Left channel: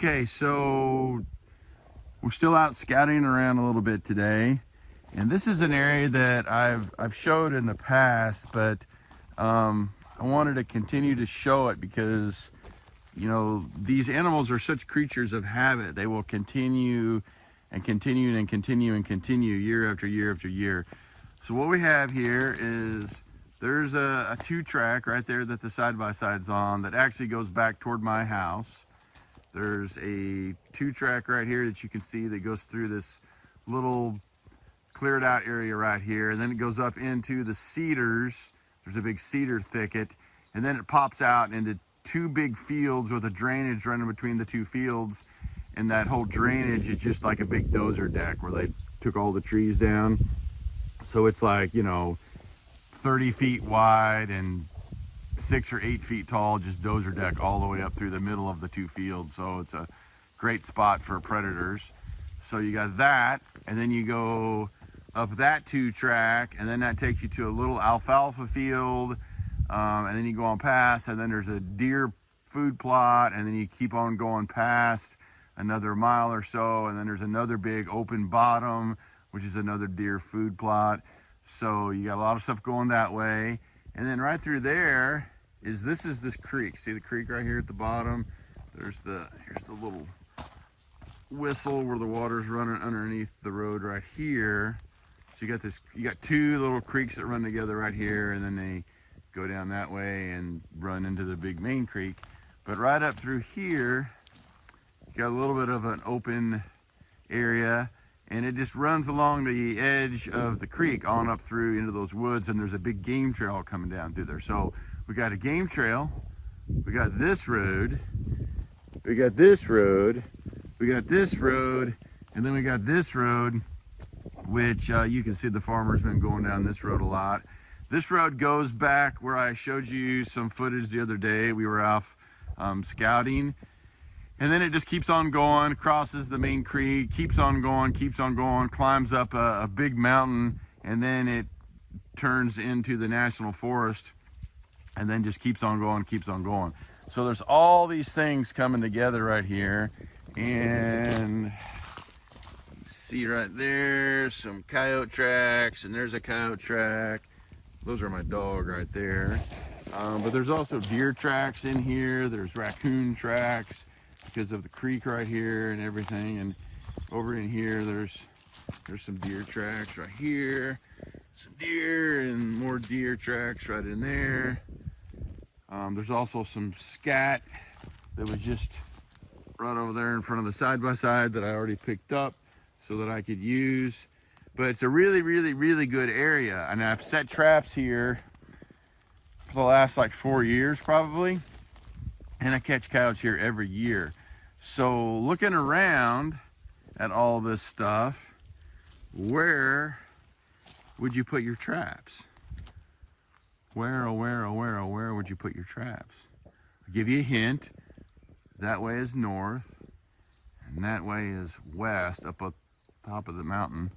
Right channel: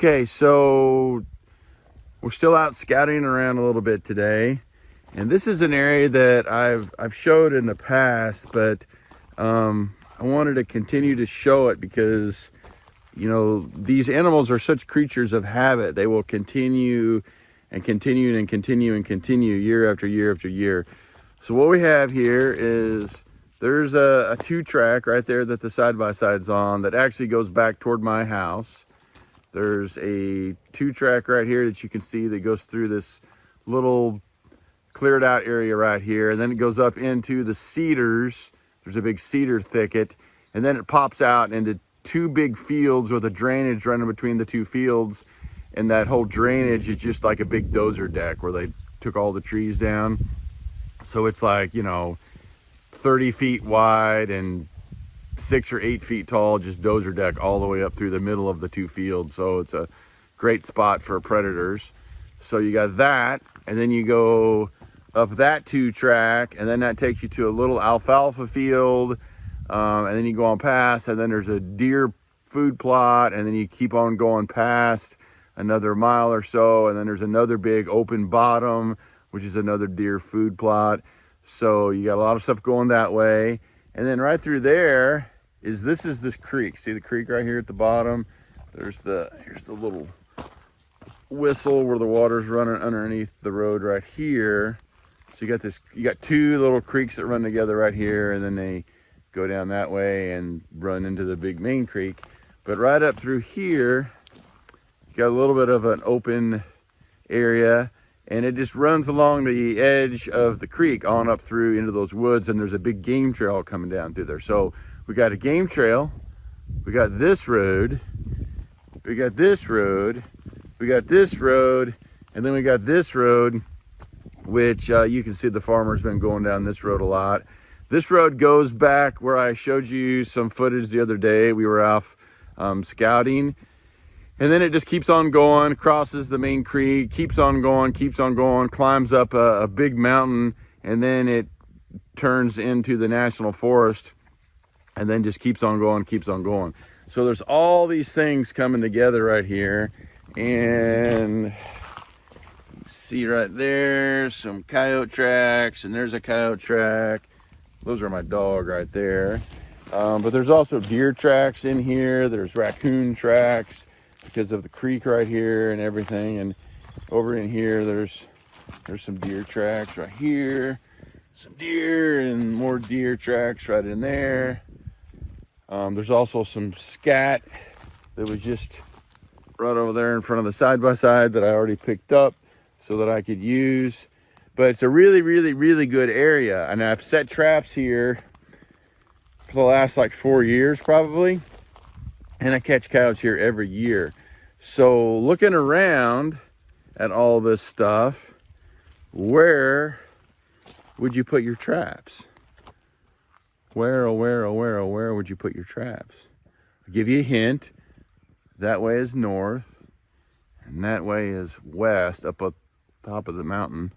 Okay, so we're still out scouting around a little bit today, and this is an area that I've showed in the past, but I wanted to continue to show it because, you know, these animals are such creatures of habit. They will continue and continue and continue and continue year after year after year. So what we have here is there's a 2-track right there that the side-by-side's on that actually goes back toward my house. There's a 2-track right here that you can see that goes through this little cleared out area right here, and then it goes up into the cedars. There's a big cedar thicket, and then it pops out into 2 big fields with a drainage running between the 2 fields, and that whole drainage is just like a big dozer deck where they took all the trees down. So it's like, you know, 30 feet wide and 6 or 8 feet tall, just dozer deck all the way up through the middle of the 2 fields. So it's a great spot for predators. So you got that, and then you go up that 2-track, and then that takes you to a little alfalfa field, and then you go on past, and then there's a deer food plot, and then you keep on going past another mile or so, and then there's another big open bottom, which is another deer food plot. So you got a lot of stuff going that way. And then right through there is this creek. See the creek right here at the bottom? Here's the little whistle where the water's running underneath the road right here. So you got 2 little creeks that run together right here, and then they go down that way and run into the big main creek. But right up through here, you got a little bit of an open area, and it just runs along the edge of the creek on up through into those woods, and there's a big game trail coming down through there. So we got a game trail, we got this road, we got this road, we got this road, and then we got this road, which you can see the farmer's been going down this road a lot. This road goes back where I showed you some footage the other day. We were off scouting. And then it just keeps on going, crosses the main creek, keeps on going, climbs up a big mountain, and then it turns into the national forest, and then just keeps on going. So there's all these things coming together right here, and you see right there some coyote tracks, and there's a coyote track. Those are my dog right there. But there's also deer tracks in here. There's raccoon tracks because of the creek right here and everything. And over in here, there's some deer tracks right here, some deer and more deer tracks right in there. There's also some scat that was just right over there in front of the side-by-side that I already picked up so that I could use. But it's a really, really, really good area. And I've set traps here for the last like 4 years probably. And I catch coyotes here every year. So looking around at all this stuff, where would you put your traps? Where would you put your traps? I'll give you a hint. That way is north, and that way is west, up top of the mountain.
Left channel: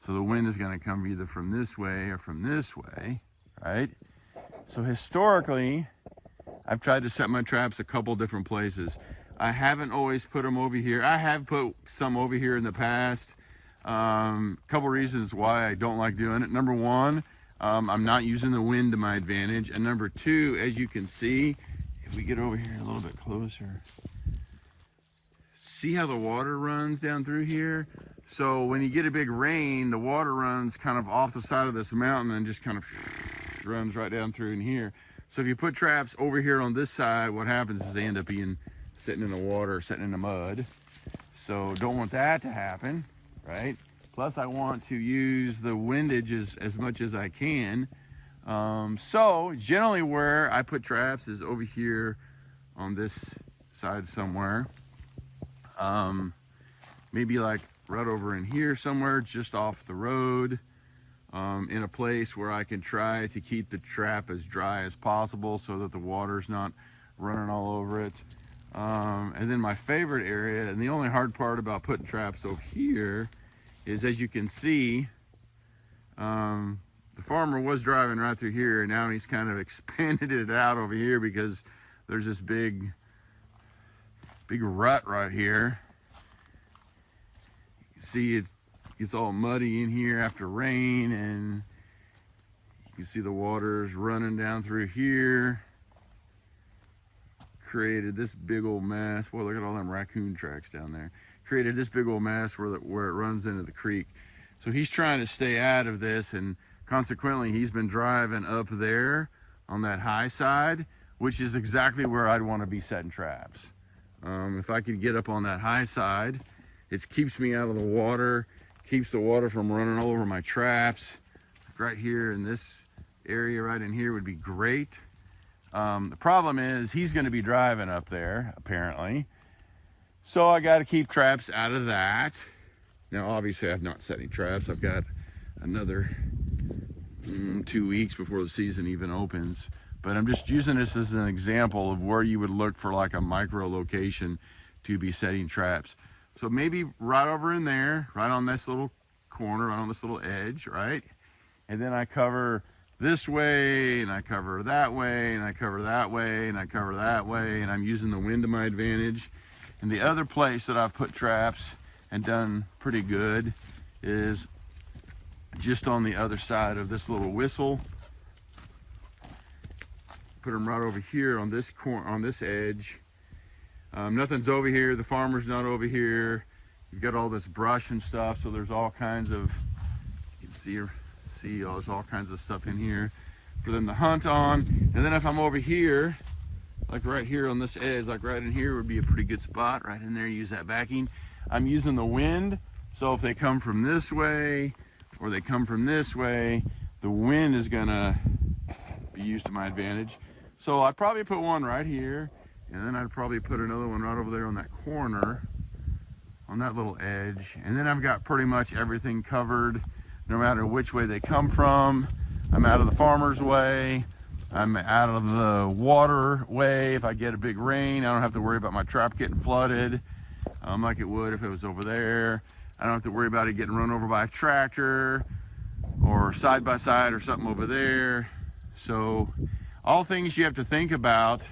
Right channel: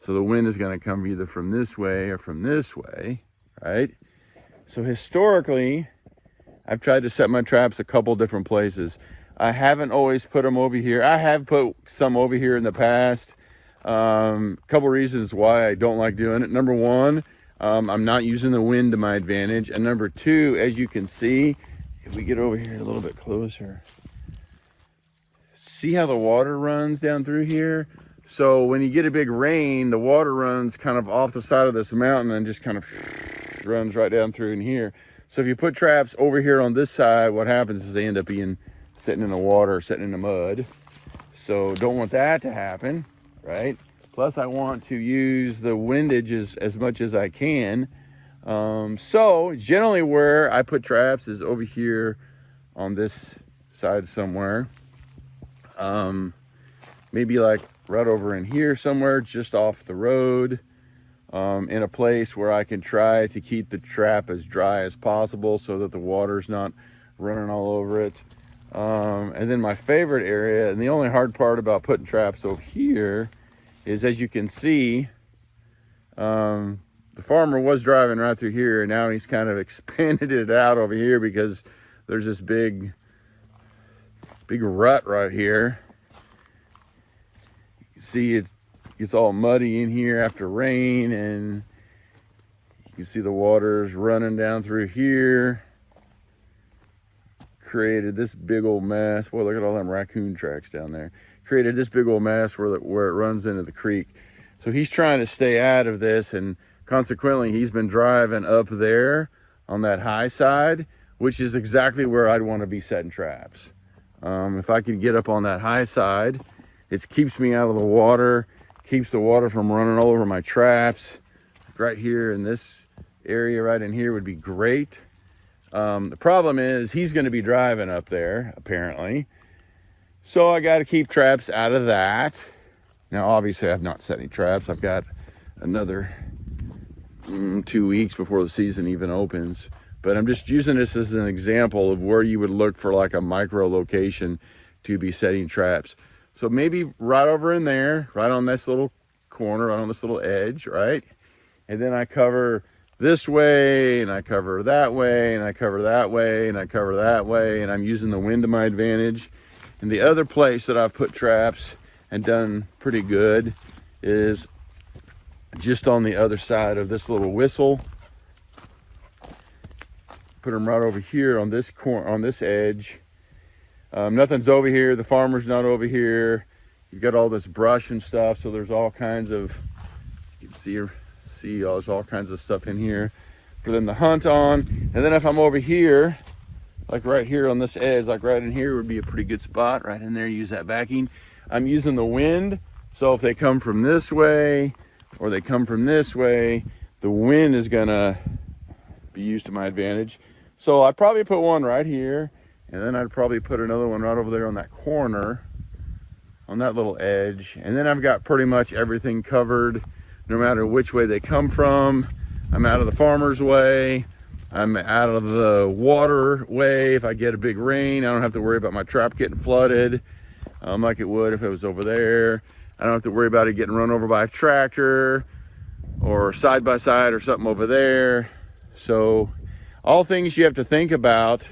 So the wind is going to come either from this way or from this way, right? So historically, I've tried to set my traps a couple different places. I haven't always put them over here. I have put some over here in the past. Couple reasons why I don't like doing it. Number one, I'm not using the wind to my advantage. And number two, as you can see, if we get over here a little bit closer, see how the water runs down through here? So when you get a big rain, the water runs kind of off the side of this mountain and just kind of runs right down through in here. So if you put traps over here on this side, what happens is they end up sitting in the water or sitting in the mud. So don't want that to happen, right? Plus I want to use the windage as much as I can. So generally where I put traps is over here on this side somewhere. Maybe like right over in here somewhere, just off the road. In a place where I can try to keep the trap as dry as possible so that the water's not running all over it. And then my favorite area, and the only hard part about putting traps over here, is as you can see, the farmer was driving right through here, and now he's kind of expanded it out over here because there's this big big rut right here. You can see it gets all muddy in here after rain, and you can see the water's running down through here. Created this big old mess. Boy, look at all them raccoon tracks down there. Created this big old mess where it runs into the creek. So he's trying to stay out of this, and consequently he's been driving up there on that high side, which is exactly where I'd want to be setting traps. If I could get up on that high side, it keeps me out of the water, keeps the water from running all over my traps. Right here in this area right in here would be great. The problem is he's going to be driving up there apparently, so I got to keep traps out of that. Now obviously I've not set any traps. I've got another 2 weeks before the season even opens, but I'm just using this as an example of where you would look for like a micro location to be setting traps. So maybe right over in there, right on this little corner, right on this little edge, right? And then I cover this way, and I cover that way, and I cover that way, and I cover that way, and I'm using the wind to my advantage. And the other place that I've put traps and done pretty good is just on the other side of this little whistle. Put them right over here on this corner, on this edge. Nothing's over here. The farmer's not over here. You've got all this brush and stuff, so there's all kinds of, you can see there's all kinds of stuff in here for them to hunt on. And then if I'm over here, like right here on this edge, like right in here would be a pretty good spot. Right in there, use that backing. I'm using the wind, so if they come from this way or they come from this way, the wind is gonna be used to my advantage. So I'd probably put one right here, and then I'd probably put another one right over there on that corner, on that little edge. And then I've got pretty much everything covered, no matter which way they come from. I'm out of the farmer's way. I'm out of the water way. If I get a big rain, I don't have to worry about my trap getting flooded like it would if it was over there. I don't have to worry about it getting run over by a tractor or side by side or something over there. So all things you have to think about.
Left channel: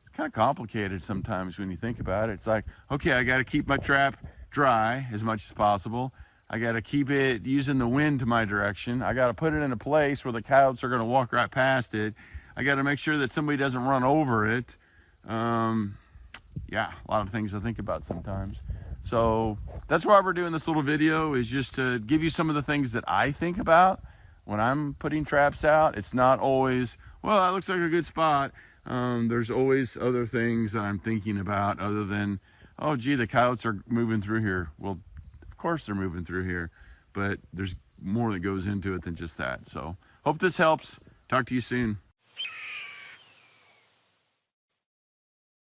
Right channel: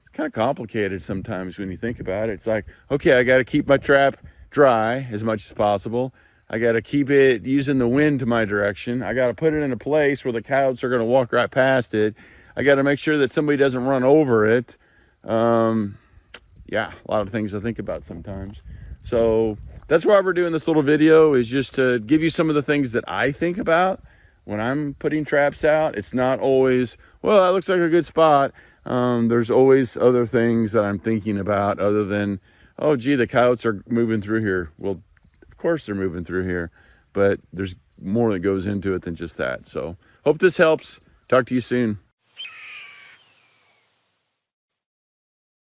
It's kind of complicated sometimes when you think about it. It's like, okay, I got to keep my trap dry as much as possible. I got to keep it using the wind to my direction. I got to put it in a place where the coyotes are going to walk right past it. I got to make sure that somebody doesn't run over it. Yeah, a lot of things to think about sometimes. So that's why we're doing this little video, is just to give you some of the things that I think about when I'm putting traps out. It's not always, well, that looks like a good spot. There's always other things that I'm thinking about other than, oh, gee, the coyotes are moving through here. Well, of course they're moving through here, but there's more that goes into it than just that. So hope this helps. Talk to you soon.